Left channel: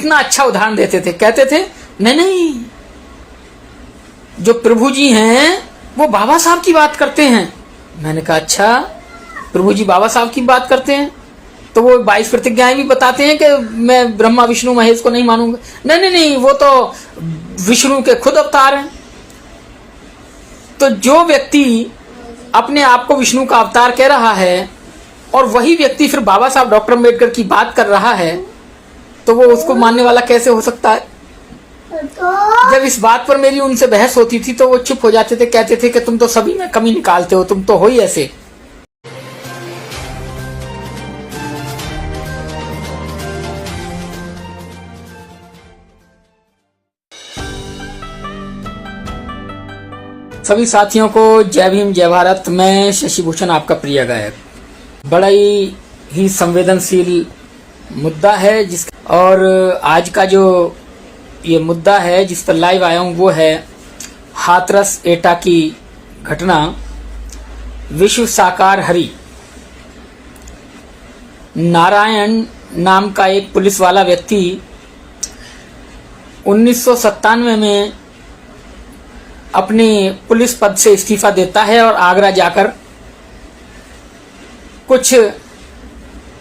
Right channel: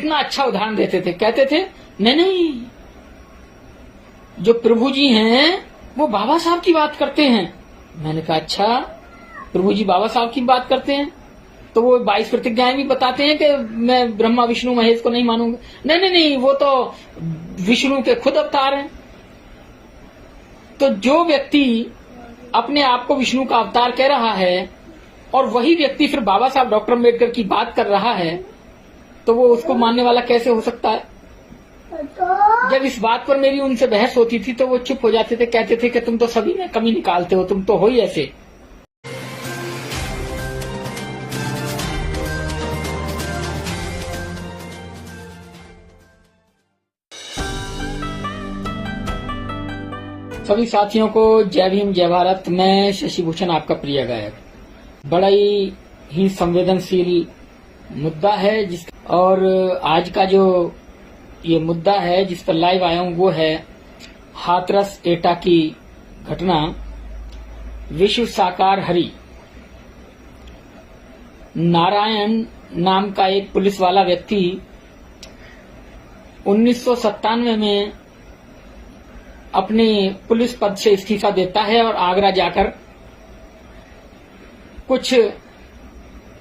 कितना अच्छा उदाहरण देते थे, कहते थे नहीं नहीं, जो प्रभु जी हैं वो बाबा साहब की बात करते हैं। मैंने कहा अच्छा, प्रभु जी बाबा साहब की बात करते हैं तो वो 22 प्रतिज्ञाएं भी बताते हैं कि मैं ब्रह्मा विष्णु महेश को नहीं मानूंगा। नहीं नहीं नहीं, वो तो विष्णु के खुद अवतार हैं। तो जो व्यक्ति अपने आप को विष्णु का अवतार कह रहा है और वही व्यक्ति फिर बाबा साहब डॉक्टर अम्बेडकर की बात कर रहा है, तो वो उसको मानने वाला कैसे हो सकता है? जब इस बात पर मेरी उनसे बहस होती थी तो वो चुप हो जाते थे, कहते थे कि तुम तो सभी में कमी निकालते हो, तुम तो हो ही ऐसे। सभी साथियों को जय भीम जय भारत। मैं शशि भूषण आपका प्रिय गायक। बड़ा ही संवेदनशील मुद्दा है और आज का जो ये मुद्दा है जिस पर लाइव आया हूं वो है हाथरस एटा की घटना। विश्व साकार हरि नारायण नाम का एक पुलिस वाला व्यक्ति 1997 में अपने पुलिस पद से इस्तीफा देता है और आगरा जाकर कुछ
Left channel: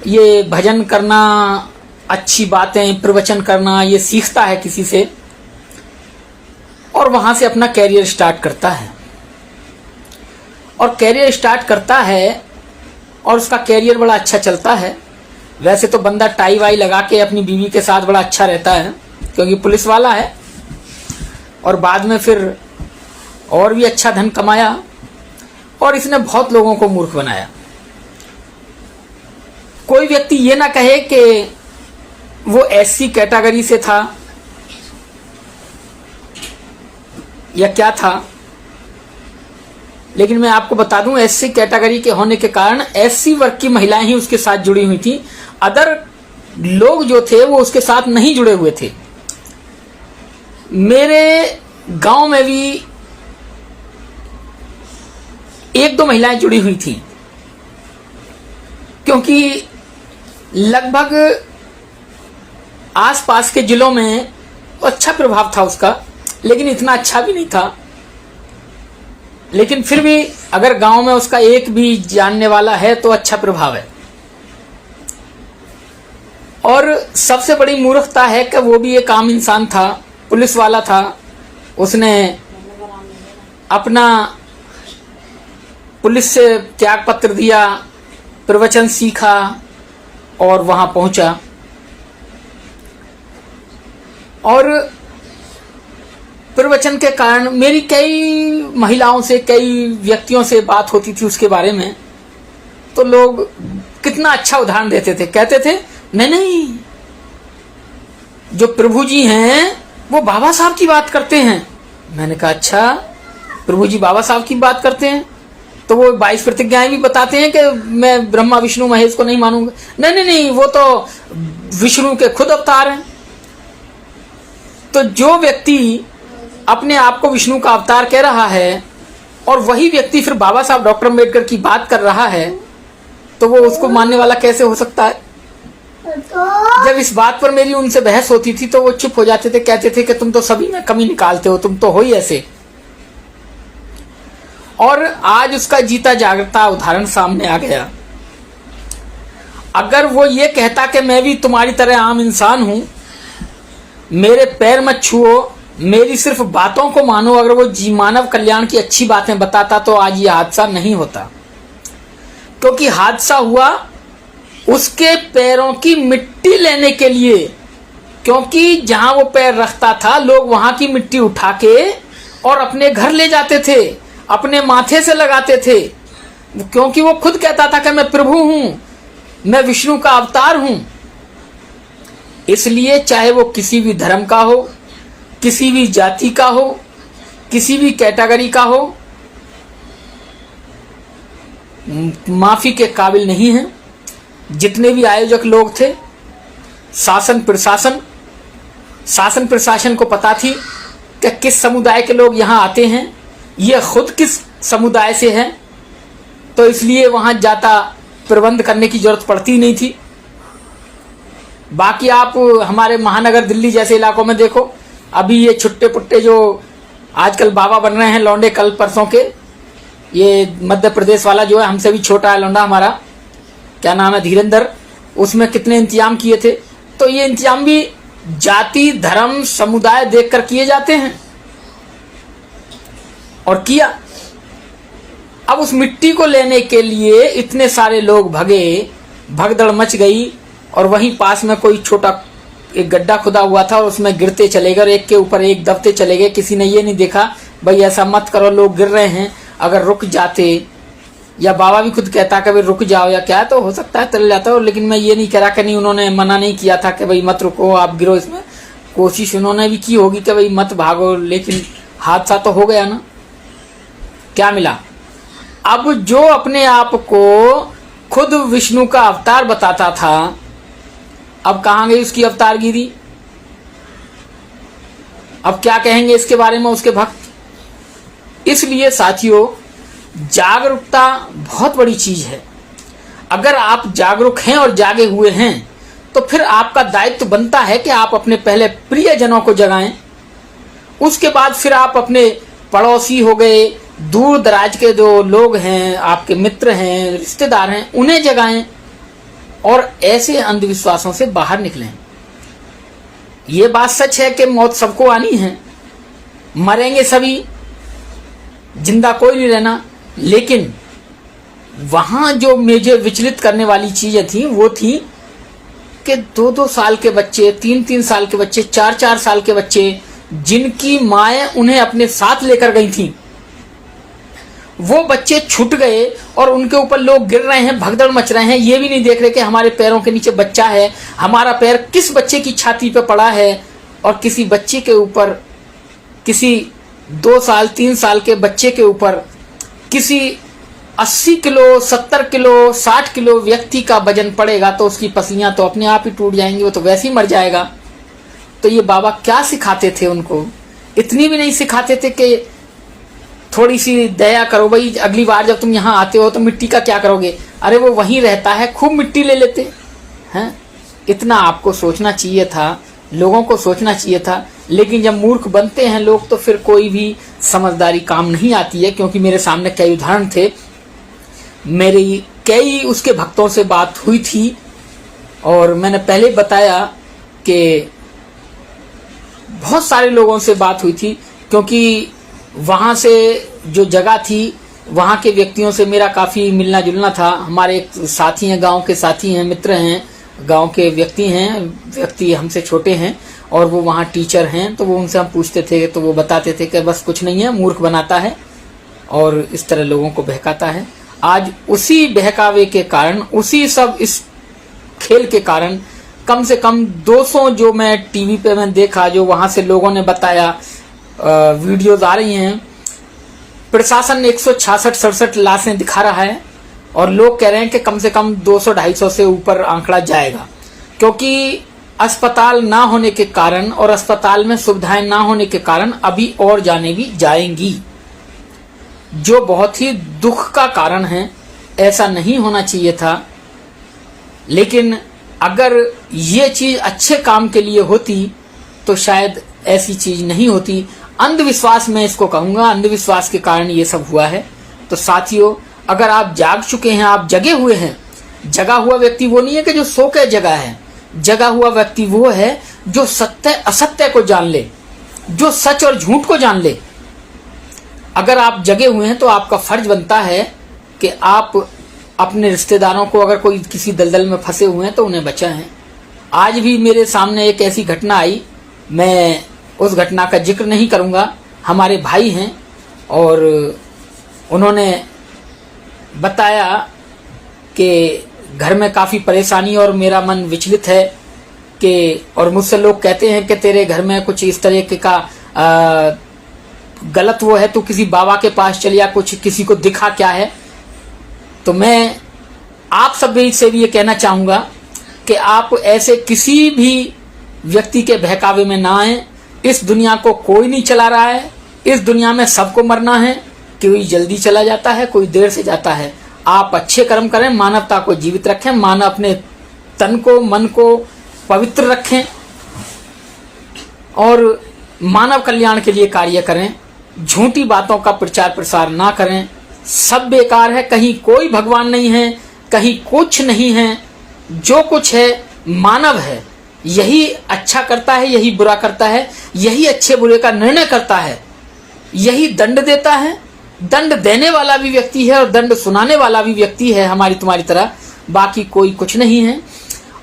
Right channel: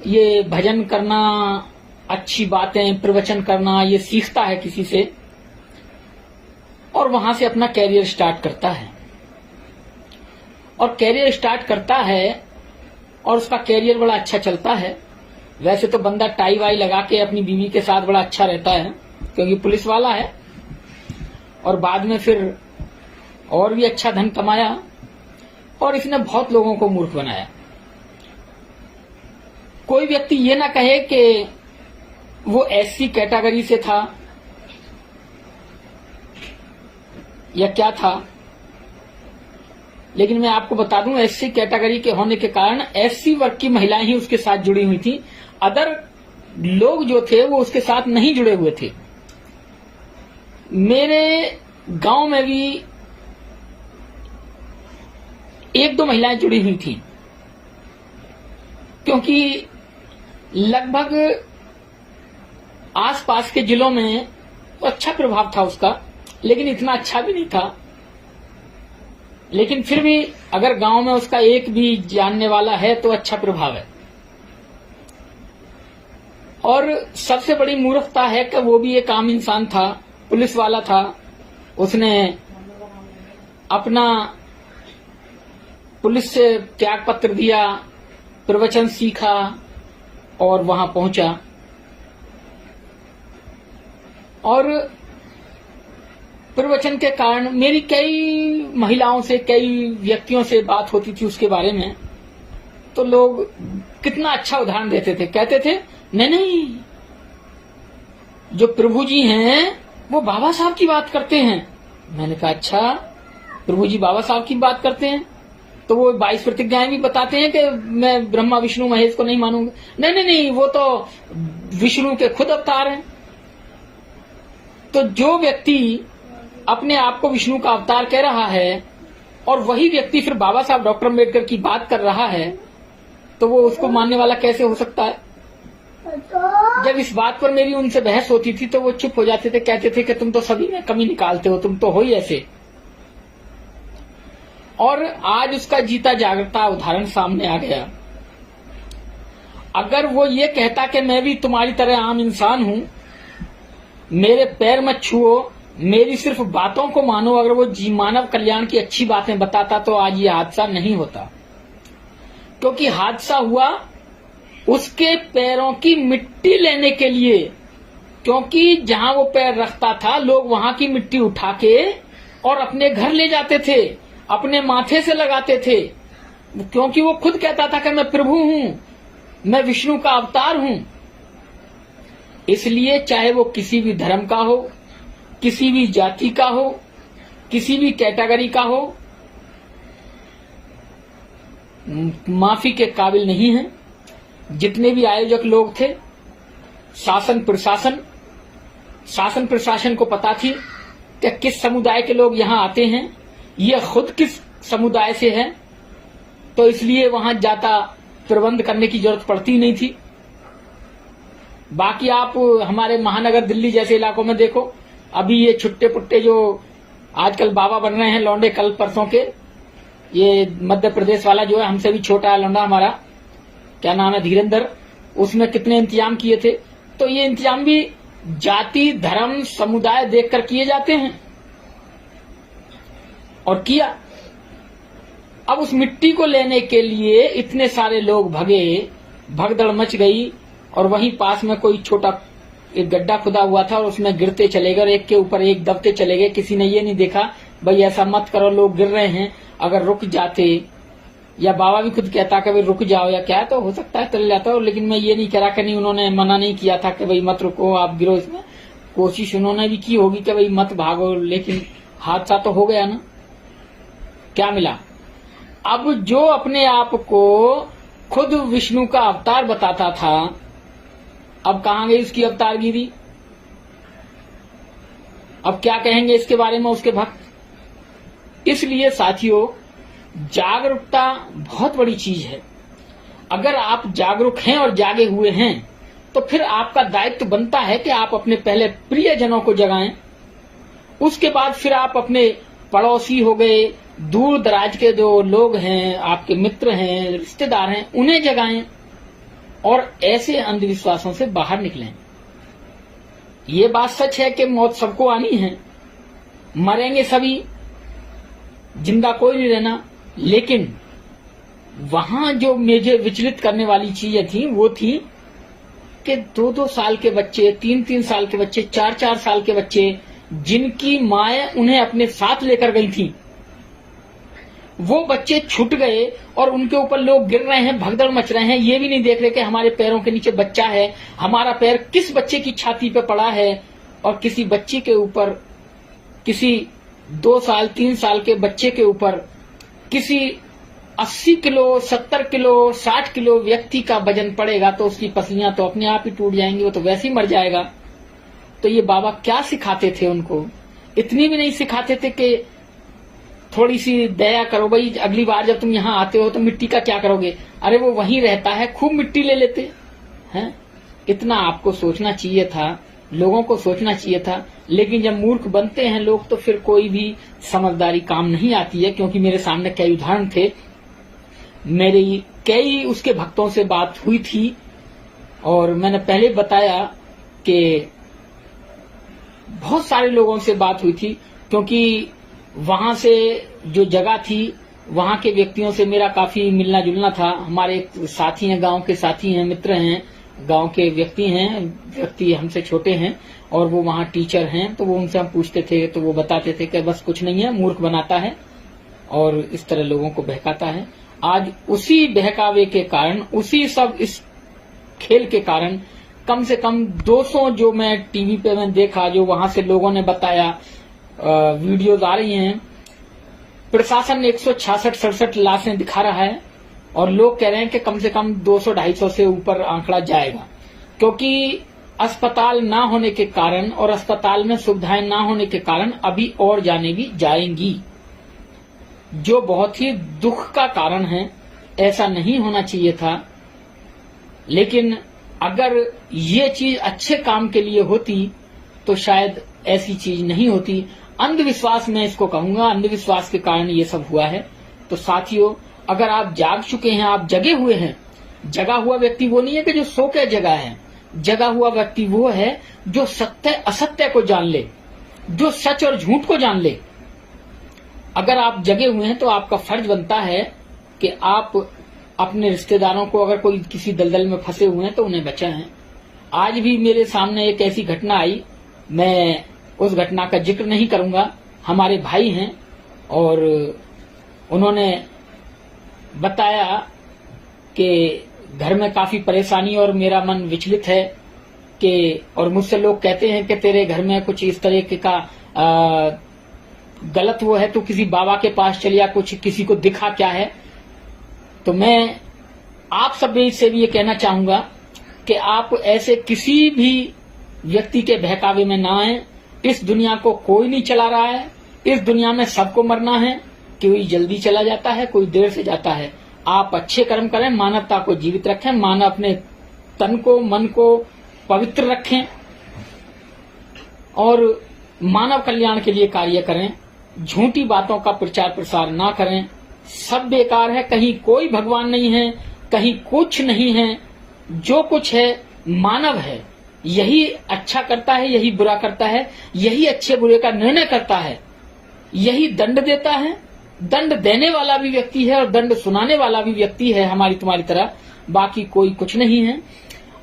ये भजन करना, अच्छी बातें प्रवचन करना ये सीखता है किसी से और वहां से अपना कैरियर स्टार्ट करता है। और कैरियर स्टार्ट करता है और उसका कैरियर बड़ा अच्छा चलता है। वैसे तो बंदा टाई वाई लगा के अपनी बीवी के साथ बड़ा अच्छा रहता है क्योंकि पुलिस वाला है, और बाद में फिर और भी अच्छा धन कमाया और इसने बहुत लोगों को मूर्ख बनाया। कोई व्यक्ति ये ना कहे कि वो एससी कैटेगरी से था या क्या था, लेकिन मैं आपको बता दूं एससी कैटेगरी के होने के कारण एससी वर्ग की महिलाएं ही उसके साथ जुड़ी हुई थी। अदर लोग जो थे वो उसके साथ नहीं जुड़े हुए थे। मेरे गांव में भी एक दो महिलाएं जुड़ी हुई थी क्योंकि लगभग आसपास के जिलों में अच्छा प्रभाव था उसका, लेकिन इतना अच्छा भी नहीं था। लेकिन फिर भी अगर गांव में उसका एक भी जानने वाला है तो अच्छा प्रभाव है। और सबसे बड़ी मूर्खता है कि वो भी एक आम इंसान था, पुलिस वाला था। उसने अपना पुलिस से त्याग पत्र दिया, प्रवचन सीखा और वहां पहुंचा। और प्रवचन के कारण मेरी कई महिलाओं से, कई व्यक्तियों से बात होती थी उसके बारे में, तो लोग कितना अच्छा उदाहरण देते थे, कहते थे नहीं नहीं, जो प्रभु जी हैं वो बाबा साहब की बात करते हैं। मैंने कहा अच्छा, प्रभु जी बाबा साहब की बात करते हैं तो वो 22 प्रतिज्ञाएं भी बताते हैं कि मैं ब्रह्मा विष्णु महेश को नहीं मानूंगा। नहीं नहीं नहीं, वो तो विष्णु के खुद अवतार हैं। तो जो व्यक्ति अपने आप को विष्णु का अवतार कह रहा है और वही व्यक्ति फिर बाबा साहब डॉक्टर अम्बेडकर की बात कर रहा है, तो वो उसको मानने वाला कैसे हो सकता है? जब इस बात पर मेरी उनसे बहस होती थी तो वो चुप हो जाते थे, कहते थे कि तुम तो सभी में कमी निकालते हो, तुम तो हो ही ऐसे। और आज उसका जीता जागता उदाहरण सामने आ गया। अगर वो ये कहता कि मैं भी तुम्हारी तरह आम इंसान हूं, मेरे पैर मत छुओ, मेरी सिर्फ बातों को मानो, अगर वो मानव कल्याण की अच्छी बातें बताता तो आज ये हादसा नहीं होता। क्योंकि हादसा हुआ उसके पैरों की मिट्टी लेने के लिए, क्योंकि जहां वो पैर रखता था लोग वहां की मिट्टी उठा के और अपने घर ले जाते थे, अपने माथे से लगाते थे, क्योंकि वो खुद कहता था कि मैं प्रभु हूं, मैं विष्णु का अवतार हूं। इसलिए चाहे वो किसी भी धर्म का हो, किसी भी जाति का हो, किसी भी कैटेगरी का हो, माफी के काबिल नहीं है। जितने भी आयोजक लोग थे, शासन प्रशासन को पता थी कि किस समुदाय के लोग यहां आते हैं, ये खुद किस समुदाय से हैं, तो इसलिए वहां जाता प्रबंध करने की जरूरत पड़ती नहीं थी। बाकी आप हमारे महानगर दिल्ली जैसे इलाकों में देखो, अभी ये छुट्टे पुट्टे जो आजकल बाबा बन रहे हैं लौंडे कल परसों के, ये मध्य प्रदेश वाला जो है हमसे भी छोटा है लौंडा हमारा, क्या नाम है, धीरेंद्र, उसमें कितने इंतजाम किए थे। तो ये इंतजाम भी जाति धर्म समुदाय देखकर किए जाते हैं, और किया। अब उस मिट्टी को लेने के लिए इतने सारे लोग भगे, भगदड़ मच गई, और वहीं पास में कोई छोटा एक गड्ढा खुदा हुआ था और उसमें गिरते चले गए, एक के ऊपर एक दबते चले गए। किसी ने ये नहीं देखा भाई ऐसा मत करो, लोग गिर रहे हैं, अगर रुक जाते, या बाबा भी खुद कहता कि भाई रुक जाओ या क्या, तो हो सकता है चल जाता हो। लेकिन मैं ये नहीं कह रहा कि नहीं, उन्होंने मना नहीं किया था कि भाई मत रुको, आप गिरो इसमें, कोशिश उन्होंने भी की होगी कि भाई मत भागो, लेकिन हादसा तो हो गया ना। क्या मिला? अब जो अपने आप को खुद विष्णु का अवतार बताता था, अब कहां गई उसकी अवतारगिरी? अब क्या कहेंगे इसके बारे में उसके भक्त? इसलिए साथियों, जागरूकता बहुत बड़ी चीज है। अगर आप जागरूक हैं और जागे हुए हैं तो फिर आपका दायित्व बनता है कि आप अपने पहले प्रियजनों को जगाएं, उसके बाद फिर आप अपने पड़ोसी हो गए, दूर दराज के जो लोग हैं, आपके मित्र हैं, रिश्तेदार हैं, उन्हें जगाएं और ऐसे अंधविश्वासों से बाहर निकलें। ये बात सच है कि मौत सबको आनी है, मरेंगे सभी, जिंदा कोई नहीं रहना। लेकिन वहां जो मुझे विचलित करने वाली चीजें थी वो थी कि 2-2 साल के बच्चे, 3-3 साल के बच्चे, 4-4 साल के बच्चे, जिनकी माएं उन्हें अपने साथ लेकर गई थी, वो बच्चे छूट गए और उनके ऊपर लोग गिर रहे हैं, भगदड़ मच रहे हैं। ये भी नहीं देख रहे कि हमारे पैरों के नीचे बच्चा है, हमारा पैर किस बच्चे की छाती पे पड़ा है, और किसी बच्चे के ऊपर, किसी 2 साल 3 साल के बच्चे के ऊपर किसी 80 किलो 70 किलो 60 किलो व्यक्ति का वजन पड़ेगा तो उसकी पसलियां तो अपने आप ही टूट जाएंगी, वो तो वैसे ही मर जाएगा। तो ये बाबा क्या सिखाते थे उनको? इतनी भी नहीं सिखाते थे कि थोड़ी सी दया करो भाई, अगली बार जब तुम यहाँ आते हो तो मिट्टी का क्या करोगे? अरे वो वहीं रहता है, खूब मिट्टी ले लेते हैं। इतना आपको सोचना चाहिए था, लोगों को सोचना चाहिए था। लेकिन जब मूर्ख बनते हैं लोग तो फिर कोई भी समझदारी काम नहीं आती है। क्योंकि मेरे सामने कई उदाहरण थे, मेरी कई उसके भक्तों से बात हुई थी, और मैंने पहले बताया कि बहुत सारे लोगों से बात हुई थी, क्योंकि वहां से जो जगह थी वहां के व्यक्तियों से मेरा काफी मिलना जुलना था। हमारे एक साथी हैं, गांव के साथी हैं, मित्र हैं, गांव के व्यक्ति हैं, व्यक्ति हमसे छोटे हैं, और वो वहां टीचर हैं। तो वो उनसे हम पूछते थे तो वो बताते थे कि बस कुछ नहीं है, मूर्ख बनाता है और इस तरह लोगों को बहकाता है। आज उसी बहकावे के कारण, उसी सब इस खेल के कारण कम से कम 200 जो मैं टीवी पे मैं देखा, जो वहां से लोगों ने बताया, वीडियोज आ रही हैं, प्रशासन 166-67 लाशें दिखा रहा है, और लोग कह रहे हैं कि कम से कम 200-250 से ऊपर आंकड़ा जाएगा। क्योंकि अस्पताल ना होने के कारण और अस्पताल में सुविधाएं ना होने के कारण अभी और जाने भी जाएंगी, जो बहुत ही दुख का कारण है। ऐसा नहीं होना चाहिए था। लेकिन अगर ये चीज अच्छे काम के लिए होती तो शायद ऐसी चीज नहीं होती। अंधविश्वास मैं इसको कहूंगा, अंधविश्वास के कारण ये सब हुआ है। तो साथियों, अगर आप जाग चुके हैं, आप जगे हुए हैं, जगा हुआ व्यक्ति वो नहीं है कि जो सो के जगा है, जगा हुआ व्यक्ति वो है जो सत्य असत्य को जान ले, जो सच और झूठ को जान ले। अगर आप जगे हुए हैं तो आपका फर्ज बनता है कि आप अपने रिश्तेदारों को, अगर कोई किसी दलदल में फंसे हुए हैं तो उन्हें बचाएं। आज भी मेरे सामने एक ऐसी घटना आई, मैं उस घटना का जिक्र नहीं करूंगा। हमारे भाई हैं और उन्होंने बताया कि घर में काफी परेशानी और मेरा मन विचलित है कि, और मुझसे लोग कहते हैं कि तेरे घर में कुछ इस तरह का गलत वो है, तो किसी बाबा के पास चल या कुछ किसी को दिखा क्या है। तो मैं आप सभी से भी ये कहना चाहूंगा कि आप ऐसे किसी भी व्यक्ति के बहकावे में ना आए। इस दुनिया को कोई नहीं चला रहा है, इस दुनिया में सबको मरना है। कोई जल्दी चला जाता है, कोई देर से जाता है। आप अच्छे कर्म करें, मानवता को जीवित रखें, मानव अपने तन को, मन को पवित्र रखें और मानव कल्याण के लिए कार्य करें। झूठी बातों का प्रचार प्रसार ना करें। सब बेकार है, कहीं कोई भगवान नहीं है, कहीं कुछ नहीं है। जो कुछ है मानव है, यही अच्छा करता है, यही बुरा करता है, यही अच्छे बुरे का निर्णय करता है, यही दंड देता है। दंड देने वाला भी व्यक्ति है और दंड सुनाने वाला भी व्यक्ति है हमारी तुम्हारी तरह, बाकी कोई कुछ नहीं है।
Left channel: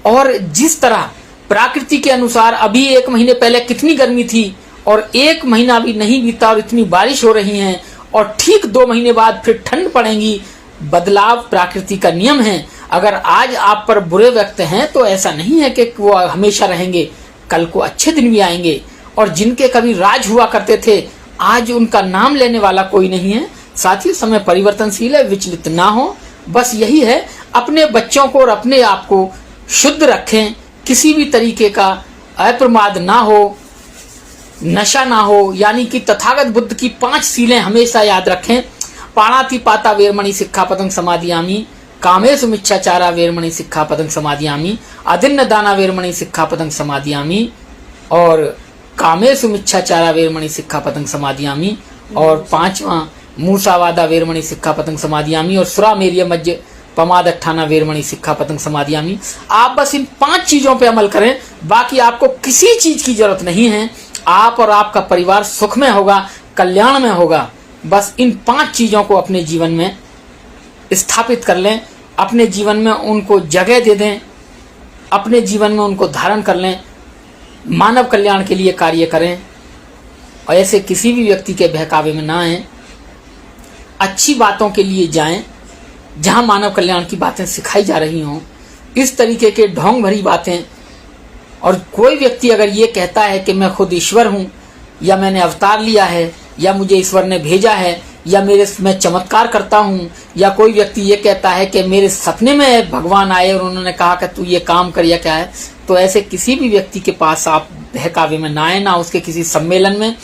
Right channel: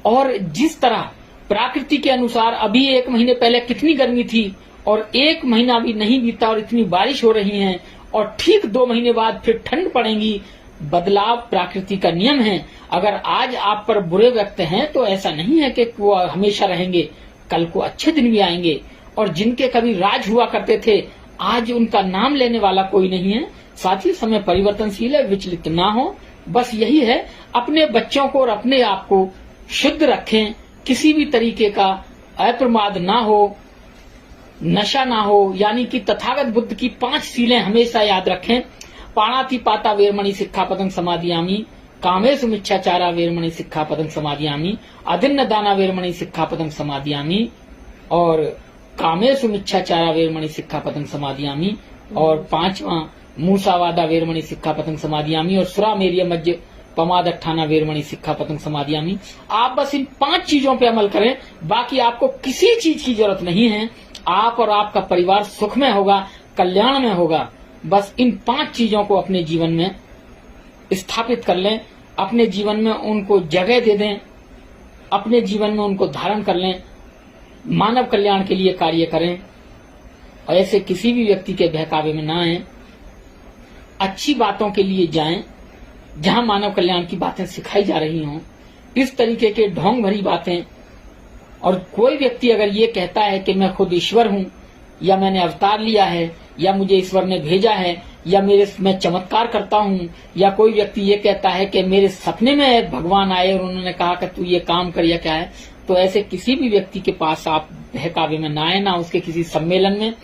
और जिस तरह प्रकृति के अनुसार अभी 1 महीने पहले कितनी गर्मी थी और 1 महीना भी नहीं बीता और इतनी बारिश हो रही है और ठीक 2 महीने बाद फिर ठंड पड़ेगी। बदलाव प्रकृति का नियम है। अगर आज आप पर बुरे वक्त हैं तो ऐसा नहीं है कि वो हमेशा रहेंगे, कल को अच्छे दिन भी आएंगे। और जिनके कभी राज हुआ करते थे, आज उनका नाम लेने वाला कोई नहीं है। साथ ही समय परिवर्तनशील है, विचलित ना हो। बस यही है, अपने बच्चों को और अपने आप को शुद्ध रखें, किसी भी तरीके का अप्रमाद ना हो, नशा ना हो, यानी कि तथागत बुद्ध की 5 सीलें हमेशा याद रखें। पाणातिपाता वेरमणि सिक्खापदं समादियामि, कामेषु मिच्छाचारा वेरमणि सिक्खापदं समादियामि, अदिन्न दाना वेरमणि सिक्खापदं समादियामि और कामेषु मिच्छाचारा वेरमणि सिक्खापदं समादियामि। और 5वां मूसावादा वेरमणि सिक्खापदं समादियामि और सुरामेरिय मज्ज पमादट्ठाना वेरमणि सिक्खापदं समादियामि। आप बस इन 5 चीजों पे अमल करें, बाकी आपको किसी चीज की जरूरत नहीं है। आप और आपका परिवार सुख में होगा, कल्याण में होगा। बस इन 5 चीजों को अपने जीवन में स्थापित कर लें, अपने जीवन में उनको जगह दे दें, अपने जीवन में उनको धारण कर लें, मानव कल्याण के लिए कार्य करें और ऐसे किसी भी व्यक्ति के बहकावे में ना आए। अच्छी बातों के लिए जाएं, जहां मानव कल्याण की बातें सिखाई जा रही हों। इस तरीके के ढोंग भरी बातें, और कोई व्यक्ति अगर ये कहता है कि मैं खुद ईश्वर हूं या मैंने अवतार लिया है या मुझे ईश्वर ने भेजा है या मैं चमत्कार करता हूं, या कोई व्यक्ति ये कहता है कि मेरे सपने में भगवान आए और उन्होंने कहा कि तू ये काम कर या क्या है, तो ऐसे किसी भी व्यक्ति के पास आप बहकावे में ना आए, ना उसके किसी सम्मेलन में,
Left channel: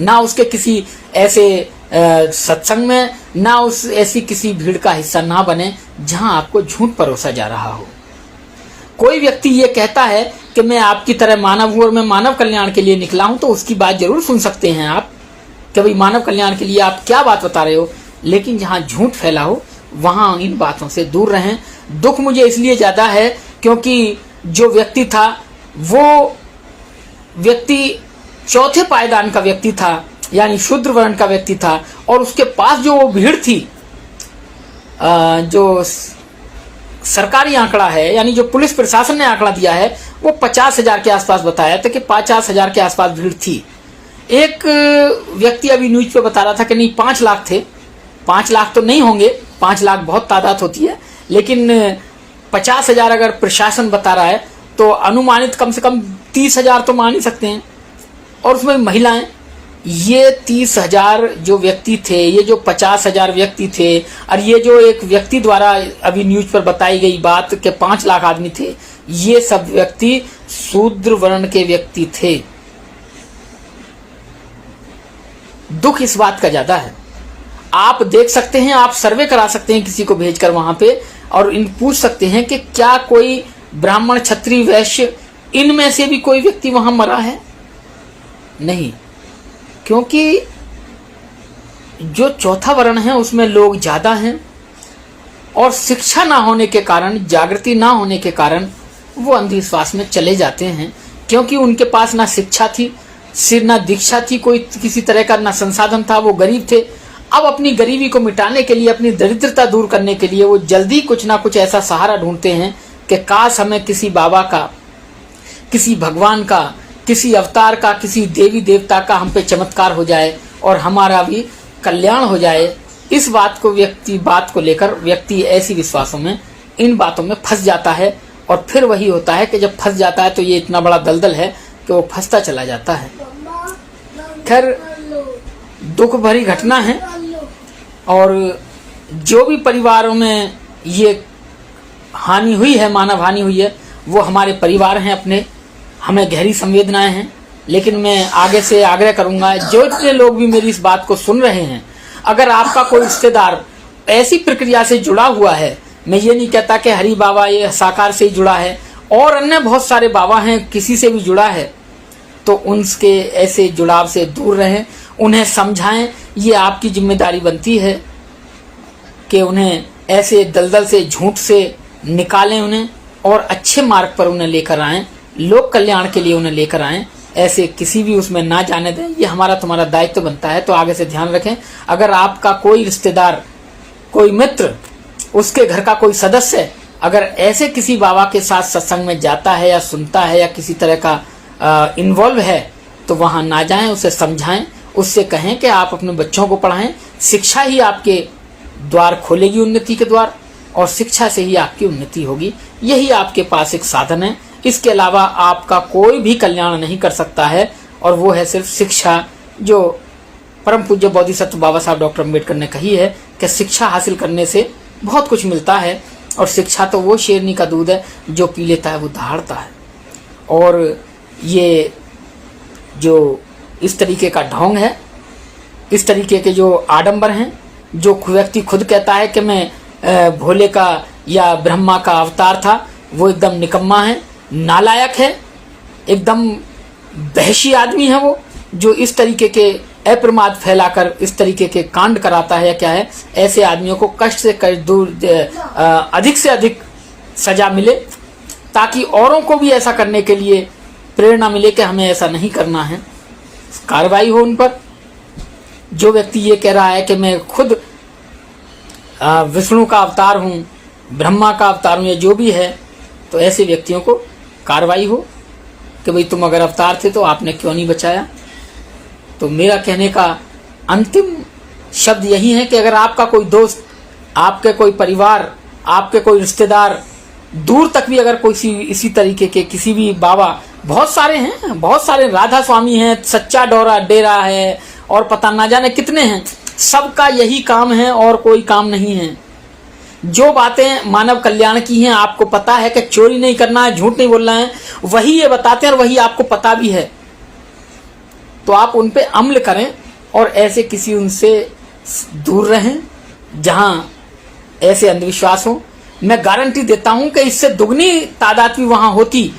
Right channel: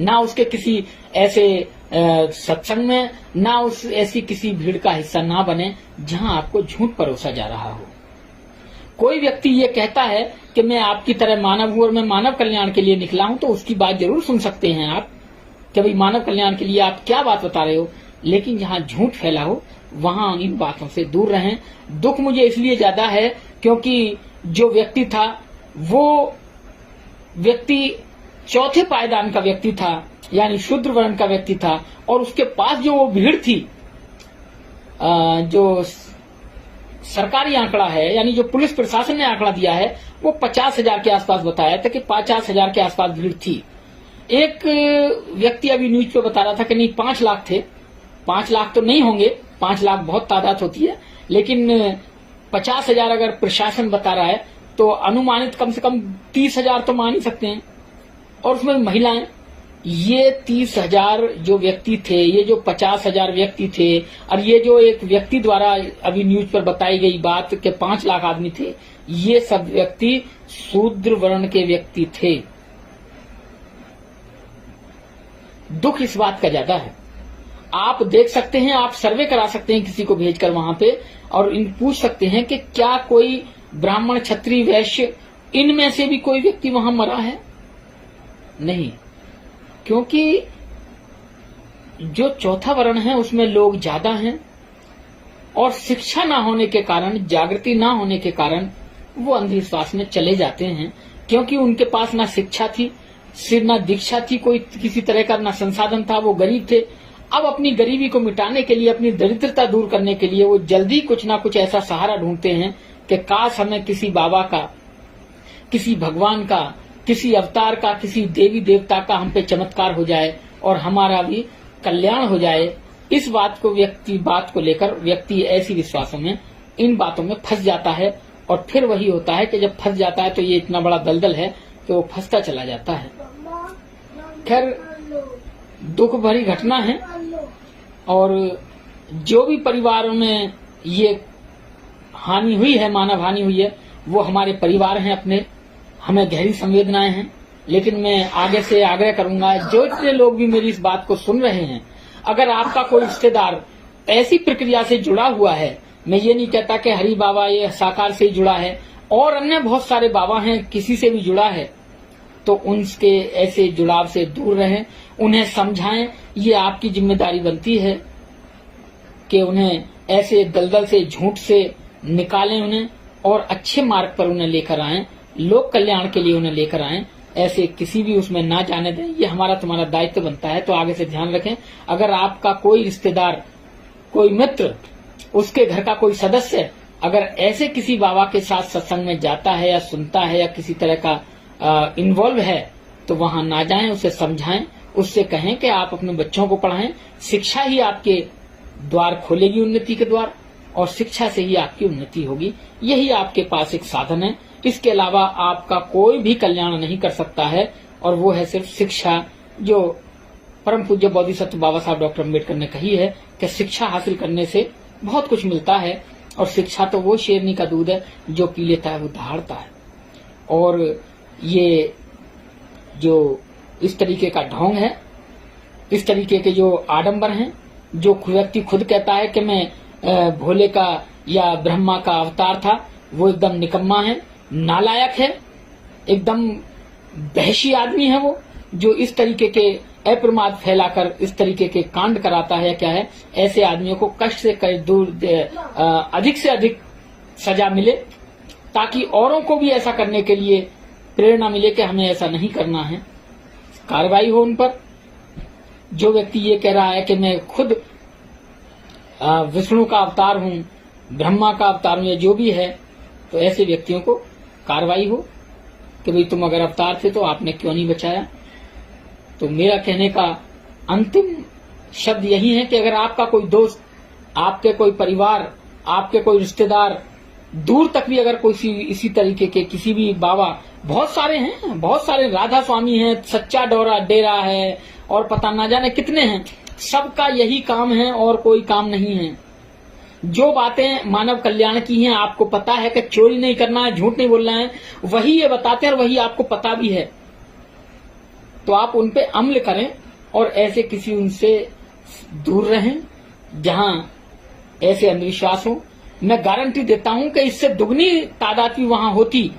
ना उसके किसी ऐसे सत्संग में, ना उस ऐसी किसी भीड़ का हिस्सा ना बने जहां आपको झूठ परोसा जा रहा हो। कोई व्यक्ति ये कहता है कि मैं आपकी तरह मानव हूं और मैं मानव कल्याण के लिए निकला हूं, तो उसकी बात जरूर सुन सकते हैं आप कि भाई मानव कल्याण के लिए आप क्या बात बता रहे हो। लेकिन जहां झूठ फैला हो वहां इन बातों से दूर रहें। दुख मुझे इसलिए ज्यादा है क्योंकि जो व्यक्ति था वो व्यक्ति चौथे पायदान का व्यक्ति था, यानी शूद्र वर्ण का व्यक्ति था, और उसके पास जो वो भीड़ थी, जो सरकारी आंकड़ा है, यानी जो पुलिस प्रशासन ने आंकड़ा दिया है, वो 50,000 के आसपास बताया था कि 50,000 के आसपास भीड़ थी। एक व्यक्ति अभी न्यूज पे बता रहा था कि नहीं 5 लाख थे। 5 लाख तो नहीं होंगे, 5 लाख बहुत तादाद होती है, लेकिन 50,000 अगर प्रशासन बता रहा है तो अनुमानित कम से कम 30,000 तो मान ही सकते हैं। और उसमें महिलाएं, ये 30,000 जो व्यक्ति थे, ये जो 50,000 व्यक्ति थे, और ये जो एक व्यक्ति द्वारा अभी न्यूज पर बताई गई बात कि 5 लाख आदमी थे, ये सब व्यक्ति शूद्र वर्ण के व्यक्ति थे। दुख इस बात का ज्यादा है। आप देख सकते हैं, आप सर्वे करा सकते हैं किसी को भेजकर वहां पे, और इन पूछ सकते हैं कि क्या कोई ब्राह्मण, क्षत्रिय, वैश्य, इनमें से भी कोई व्यक्ति वहां मरा है? नहीं, क्योंकि जो चौथा वर्ण है उसमें लोग ज्यादा हैं और शिक्षा ना होने के कारण, जागृति ना होने के कारण वो अंधविश्वास में चले जाते हैं, क्योंकि उनके पास ना शिक्षा थी, सिर ना दीक्षा थी, कोई किसी तरह का ना संसाधन था, वो गरीब थे। अब अपनी गरीबी को मिटाने के लिए, अपनी दरिद्रता दूर करने के लिए वो जल्दी कुछ ना कुछ ऐसा सहारा ढूंढते हैं कि काश हमें किसी बाबा का, किसी भगवान का, किसी अवतार का, किसी देवी देवता का हम पे चमत्कार हो जाए और हमारा भी कल्याण हो जाए। इस बात को लेकर व्यक्ति ऐसी विश्वासों में, इन बातों में फंस जाता है, और फिर वही होता है कि जब फंस जाता है तो ये इतना बड़ा दलदल है कि वो फंसता चला जाता है। खैर, दुख भरी घटना है, और जो भी परिवारों में ये हानि हुई है, मानव हानि हुई है, वो हमारे परिवार हैं अपने, हमें गहरी संवेदनाएं हैं। लेकिन मैं आगे से आग्रह करूंगा, जो जितने लोग भी मेरी इस बात को सुन रहे हैं, अगर आपका कोई रिश्तेदार ऐसी प्रक्रिया से जुड़ा हुआ है, मैं ये नहीं कहता कि हरि बाबा ये साकार से ही जुड़ा है और अन्य बहुत सारे बाबा हैं, किसी से भी जुड़ा है तो उनके ऐसे जुड़ाव से दूर रहें, उन्हें समझाएं। ये आपकी जिम्मेदारी बनती है कि उन्हें ऐसे दलदल से, झूठ से निकालें उन्हें और अच्छे मार्ग पर उन्हें लेकर आएं, लोक कल्याण के लिए उन्हें लेकर आएं। ऐसे किसी भी उसमें ना जाने दें। ये हमारा तुम्हारा दायित्व बनता है। तो आगे से ध्यान रखें, अगर आपका कोई रिश्तेदार, कोई मित्र, उसके घर का कोई सदस्य अगर ऐसे किसी बाबा के साथ सत्संग में जाता है या सुनता है या किसी तरह का इन्वॉल्व है तो वहां ना जाएं, उसे समझाएं, उससे कहें कि आप अपने बच्चों को पढ़ाएं। शिक्षा ही आपके द्वार खोलेगी उन्नति के द्वार, और शिक्षा से ही आपकी उन्नति होगी। यही आपके पास एक साधन है। इसके अलावा आपका कोई भी कल्याण नहीं कर सकता है, और वो है सिर्फ शिक्षा, जो परम पूज्य बोधिसत्व बाबा साहब डॉक्टर अम्बेडकर ने कही है कि शिक्षा हासिल करने से बहुत कुछ मिलता है। और शिक्षा तो वो शेरनी का दूध है जो पी लेता है वो दहाड़ता है। और ये जो इस तरीके का ढोंग है, इस तरीके के जो आडंबर हैं, जो व्यक्ति खुद कहता है कि मैं भोले का या ब्रह्मा का अवतार था, वो एकदम निकम्मा है, नालायक है, एकदम बहशी आदमी है वो, जो इस तरीके के अप्रमाद फैलाकर इस तरीके के कांड कराता है। क्या है, ऐसे आदमियों को कष्ट से कष्ट दूर, अधिक से अधिक सजा मिले, ताकि औरों को भी ऐसा करने के लिए प्रेरणा मिले कि हमें ऐसा नहीं करना है, कार्रवाई हो उन पर। जो व्यक्ति ये कह रहा है कि मैं खुद विष्णु का अवतार हूं, ब्रह्मा का अवतार हूं, या जो भी है, तो ऐसे व्यक्तियों को कार्रवाई हो कि भाई तुम अगर अवतार थे तो आपने क्यों नहीं बचाया। तो मेरा कहने का अंतिम शब्द यही है कि अगर आपका कोई दोस्त, आपके कोई परिवार, आपके कोई रिश्तेदार, दूर तक भी अगर कोई इसी तरीके के किसी भी बाबा, बहुत सारे हैं, बहुत सारे राधा स्वामी हैं, सच्चा डेरा है, और पता ना जाने कितने हैं, सबका यही काम है और कोई काम नहीं है। जो बातें मानव कल्याण की हैं, आपको पता है कि चोरी नहीं करना है, झूठ नहीं बोलना है, वही ये बताते हैं और वही आपको पता भी है। तो आप उन पे अमल करें और ऐसे किसी उनसे दूर रहें जहां ऐसे अंधविश्वास हो। मैं गारंटी देता हूं कि इससे दुगनी तादाद भी वहां होती।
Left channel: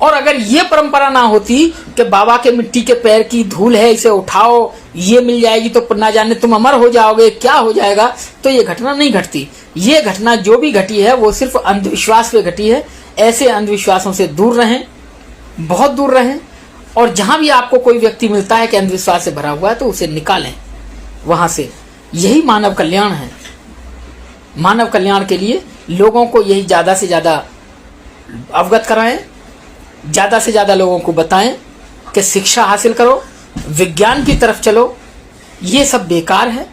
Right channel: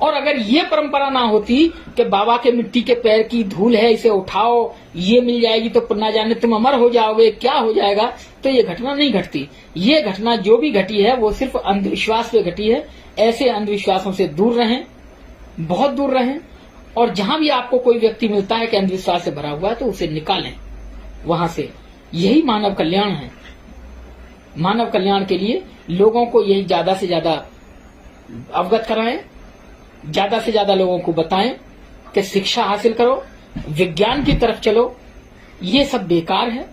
और अगर ये परंपरा ना होती कि बाबा के मिट्टी के पैर की धूल है, इसे उठाओ, ये मिल जाएगी तो ना जाने तुम अमर हो जाओगे, क्या हो जाएगा, तो ये घटना नहीं घटती। ये घटना जो भी घटी है वो सिर्फ अंधविश्वास पे घटी है। ऐसे अंधविश्वासों से दूर रहें, बहुत दूर रहें। और जहां भी आपको कोई व्यक्ति मिलता है कि अंधविश्वास से भरा हुआ है, तो उसे निकालें वहां से। यही मानव कल्याण है। मानव कल्याण के लिए लोगों को यही ज्यादा से ज्यादा अवगत कराएं, ज्यादा से ज्यादा लोगों को बताएं कि शिक्षा हासिल करो, विज्ञान की तरफ चलो। ये सब बेकार है,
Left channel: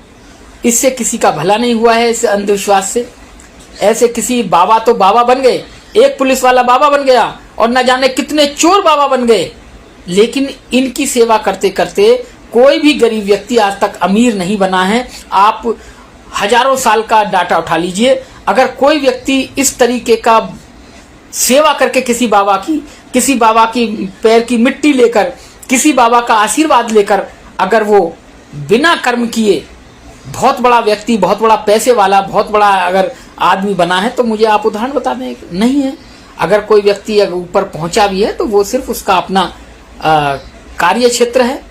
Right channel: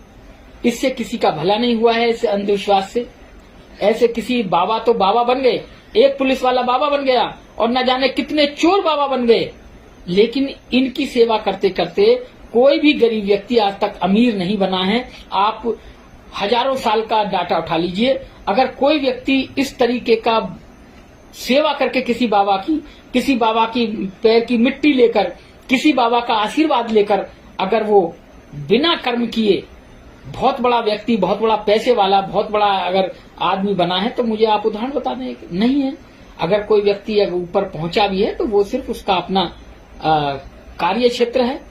इससे किसी का भला नहीं हुआ है। इस अंधविश्वास से ऐसे किसी बाबा तो बाबा बन गए, एक पुलिस वाला बाबा बन गया और न जाने कितने चोर बाबा बन गए, लेकिन इनकी सेवा करते करते कोई भी गरीब व्यक्ति आज तक अमीर नहीं बना है। आप हजारों साल का डाटा उठा लीजिए, अगर कोई व्यक्ति इस तरीके का सेवा करके किसी बाबा की पैर की मिट्टी लेकर, किसी बाबा का आशीर्वाद लेकर, अगर वो बिना कर्म किए बहुत बड़ा व्यक्ति, बहुत बड़ा पैसे वाला, बहुत बड़ा अगर आदमी बना है, तो मुझे आप उदाहरण बता दें। नहीं है। अगर कोई व्यक्ति अगर ऊपर पहुंचा भी है तो वो सिर्फ उसका अपना कार्य क्षेत्र है,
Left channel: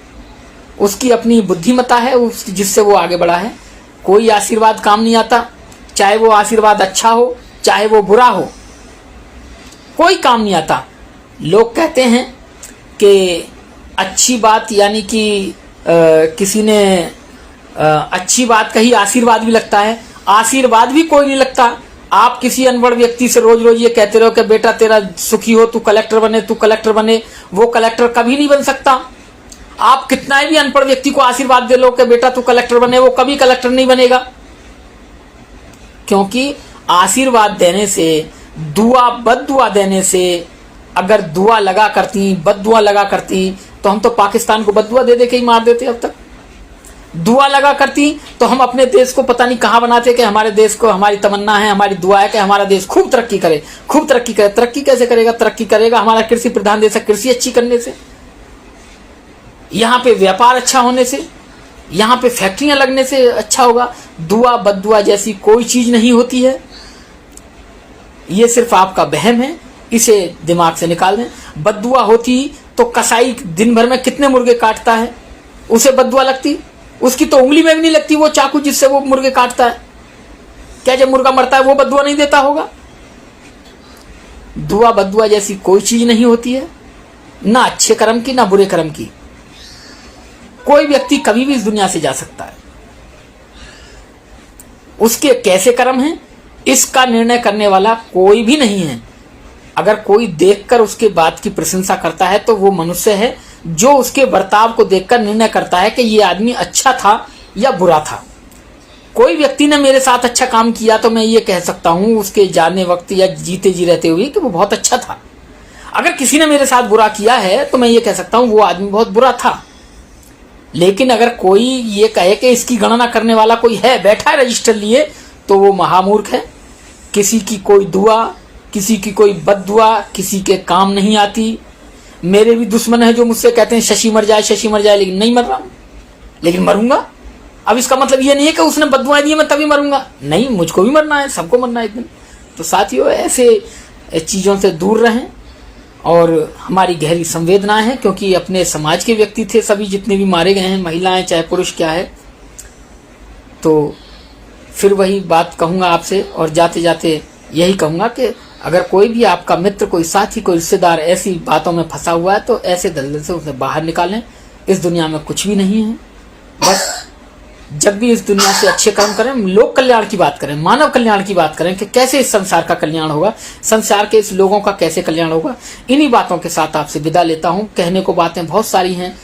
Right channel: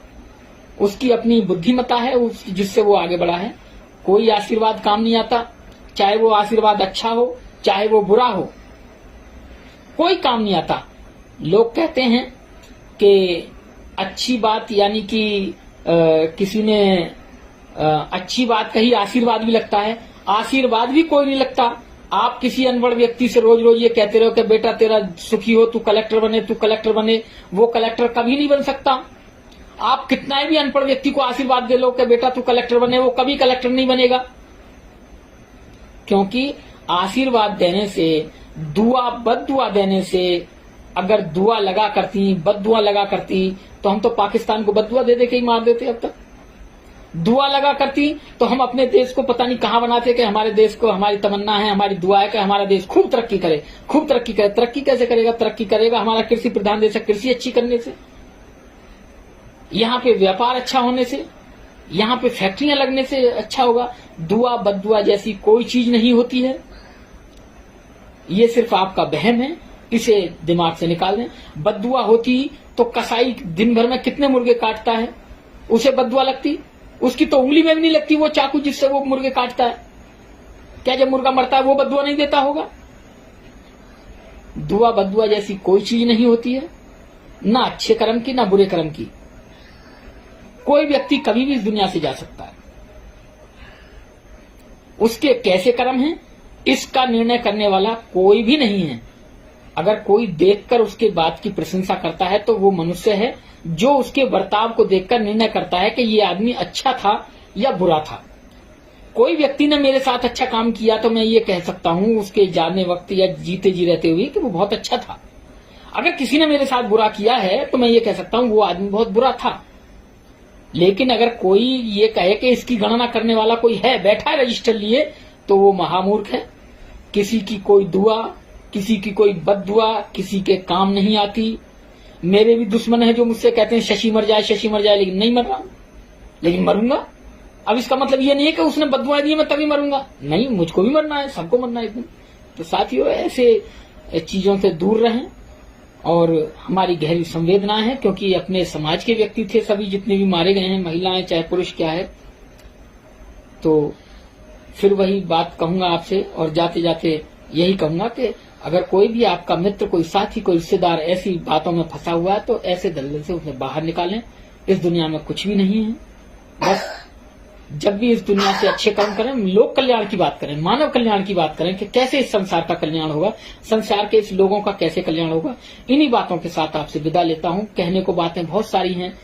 उसकी अपनी बुद्धिमत्ता है, जिससे वो आगे बढ़ा है। कोई आशीर्वाद काम नहीं आता, चाहे वो आशीर्वाद अच्छा हो चाहे वो बुरा हो, कोई काम नहीं आता। लोग कहते हैं कि अच्छी बात, यानी कि किसी ने अच्छी बात कही, आशीर्वाद भी लगता है। आशीर्वाद भी कोई नहीं लगता। आप किसी अनपढ़ व्यक्ति से रोज रोज ये कहते रहो कि बेटा तेरा सुखी हो, तू कलेक्टर बने, तू कलेक्टर बने, वो कलेक्टर कभी नहीं बन सकता। आप कितना भी अनपढ़ व्यक्ति को आशीर्वाद दे लो कि बेटा तू कलेक्टर बने, वो कभी कलेक्टर नहीं बनेगा। क्योंकि आशीर्वाद देने से, बद्दुआ देने से, अगर दुआ लगा करती, बद्दुआ लगा करती, तो हम तो पाकिस्तान को बद्दुआ दे दे के ही मार देते अब तक। दुआ लगा करती तो हम अपने देश को पता नहीं कहां बनाते कि हमारे देश को, हमारी तमन्ना है, हमारी दुआ है कि हमारा देश खूब तरक्की करे, खूब तरक्की करे। तरक्की कैसे करेगा? तरक्की करेगा हमारा कृषि प्रधान देश है, कृषि अच्छी करने से, यहाँ पे व्यापार अच्छा होने से, यहाँ पे फैक्ट्रियां लगने से अच्छा होगा। दुआ बद्दुआ जैसी कोई चीज नहीं होती है। ये सिर्फ आपका वहम है। इसे दिमाग से निकाल दें। बद्दुआ होती तो कसाई दिन भर में कितने मुर्गे काटता है, उसे बद्दुआ लगती? उसकी तो उंगली में भी नहीं लगती वो चाकू जिससे वो मुर्गे काटता है। क्या जब मुर्गा मरता है वो बद्दुआ नहीं देता होगा? दुआ बद्दुआ जैसी कोई चीज नहीं होती है, ना अच्छे कर्म की ना बुरे कर्म की। कोई व्यक्ति कभी भी इस दुनिया से जा सकता है, उसके कैसे कर्म हैं इसका निर्णय करने वाला कोई भी नहीं है। अगर कोई देखकर उसके बात की प्रशंसा करता है तो वो मनुष्य है जो उसके बर्ताव को देखकर निर्णय करता है कि ये आदमी अच्छा था या बुरा था। कोई व्यक्ति ने मेरे साथ अच्छा काम किया तो मैं ये कह सकता हूं उसके जाने वक्त या जीते जी रहते हुए कि वो बहुत अच्छा था। अगर किसी ने मेरे साथ बुरा किया है तो मैं ये कह सकता हूं वो आदमी बहुत बुरा था। लेकिन अगर कोई ये कहे कि इसकी गणना करने वाला कोई है, बैठा है रजिस्टर लिए, तो वो महामूर्ख है। किसी की कोई दुआ, किसी की कोई बद्दुआ किसी के काम नहीं आती। मेरे भी दुश्मन है जो मुझसे कहते हैं शशि मर जाए, शशि मर जाए, लेकिन नहीं मर रहा हूं, लेकिन मरूंगा। अब इसका मतलब ये नहीं है कि उसने बद्दुआएं दी मैं तभी मरूंगा, नहीं, मुझको भी मरना है, सबको मरना है एक दिन। तो साथियों, ऐसे चीजों से दूर रहें और हमारी गहरी संवेदना है, क्योंकि अपने समाज के व्यक्ति थे सभी जितने भी मारे गए हैं, महिलाएं चाहे पुरुष क्या है। तो फिर वही बात कहूंगा आपसे, और जाते जाते यही कहूंगा कि अगर कोई भी आपका मित्र, कोई साथी, कोई रिश्तेदार ऐसी बातों में फंसा हुआ है तो ऐसे दलदल से उसे बाहर निकालें। इस दुनिया में कुछ भी नहीं है, बस जब भी इस दुनिया से अच्छे काम करें, लोक कल्याण की बात करें, मानव कल्याण की बात करें कि कैसे इस संसार का कल्याण होगा, संसार के इस लोगों का कैसे कल्याण होगा। इन्हीं बातों के साथ आपसे विदा लेता हूं। कहने को बातें बहुत सारी हैं,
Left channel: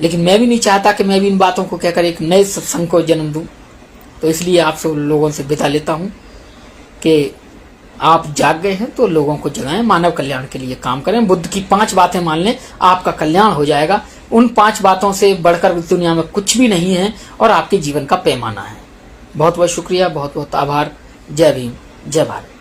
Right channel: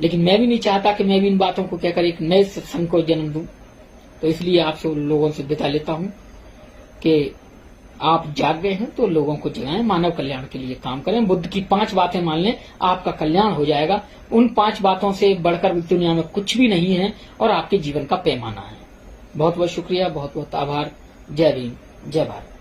लेकिन मैं भी नहीं चाहता कि मैं भी इन बातों को कहकर एक नए सत्संग को जन्म दूं। तो इसलिए आपसे लोगों से विदा लेता हूं कि आप जाग गए हैं तो लोगों को जगाएं, मानव कल्याण के लिए काम करें। बुद्ध की 5 बातें मान लें, आपका कल्याण हो जाएगा। उन 5 बातों से बढ़कर दुनिया में कुछ भी नहीं है और आपके जीवन का पैमाना है। बहुत बहुत शुक्रिया, बहुत बहुत आभार। जय भीम, जय भारत।